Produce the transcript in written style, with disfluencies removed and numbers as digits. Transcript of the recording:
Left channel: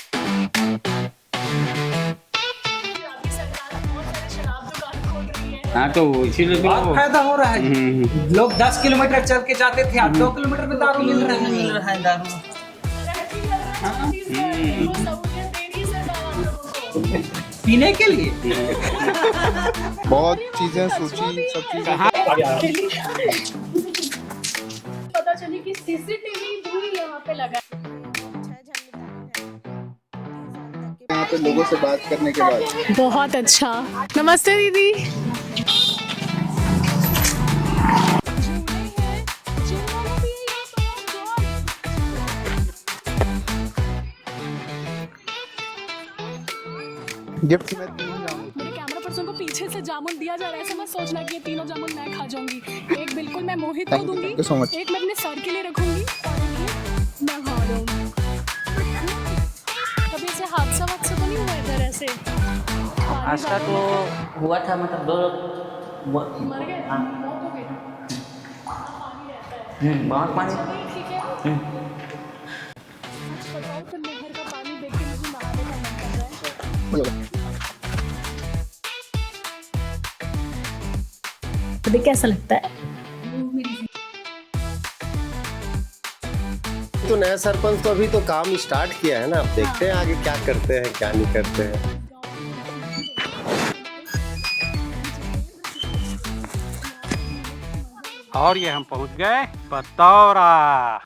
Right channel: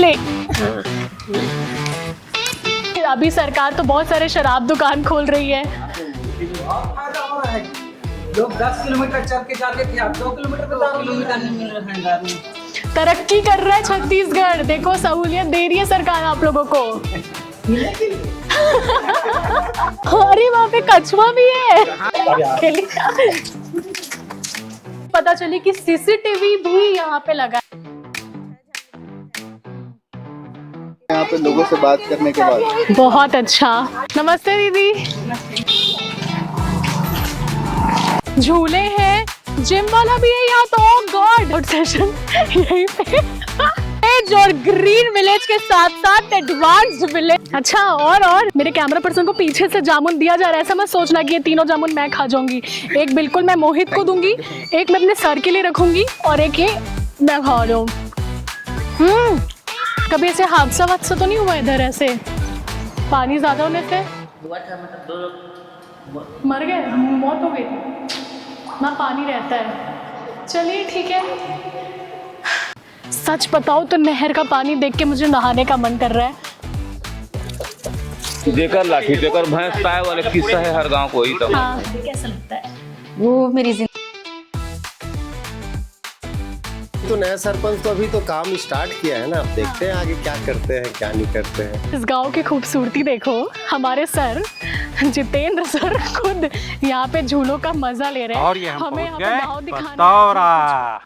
ले। अभी सरकार तो बहुत सारे शराब दुकान खोल रही है। हाँ तो इसीलिए बहुत फायदा हो रहा है। लोग 10 किलोमीटर चल के जाते थे, अब 2 किलोमीटर में दारू मिल रहा है। दारू तरक्की कर रहा है छत्तीसगढ़, देखो सहूलियत दे रही है सरकार आप लोगों को पीने के लिए। अरे वहाँ पे कछुआ भी है। पता चली कि सीसीटीवी भी यहाँ पे लगा। यहाँ पे लोगों से बात करने के बाद बहुत अच्छा। नमस्ते दीदी। झूले हैं, जिम वाला भी है यहाँ तो। गॉड सेशन यहीं पे और ग्रीन विलेज के साथ साथ एडवांस्ड विलेज। अच्छा और मेरे कैमरा पर्सन को पीछे से जामुन दिया जा रहा है। ऐसा मत सोचना कि ये तीनों जामुन मैं खा जाऊंगी। एक बिल्कुल मैं मोहित को दूंगी, एक मैं अपने सर के लिए रखूंगी और एक ये मैं खा रहा हूँ। कभी ऐसे हादसा वादसा तो नहीं हुआ इधर? ऐसे पानी ज्यादा होने से हुआ था, मतलब मर गए, मौत हो गई ना? पानी रहता है। चलिए ठीक है। सच बताओ तो नहर का पानी देख के मुझे नहाने का मन कर रहा है। देकर लाठी देकर भैंस ताए वाले किस्सा है हर गांव को ही। तो हाँ, तो कैसा लगता है? वो मेरी तो नया सरपंच तो अभी तो काम स्टार्ट किया है ना, अब देखते हैं आगे क्या करते हैं क्या नहीं करते हैं। इस गांव की खूबसूरती देखो। हमारे सर जितेंद्र सर खुद यहाँ पे झूलों का मजा ले रहे हैं और ये हम पहुंच हमें गए गाँव दिखाने- बतौरा।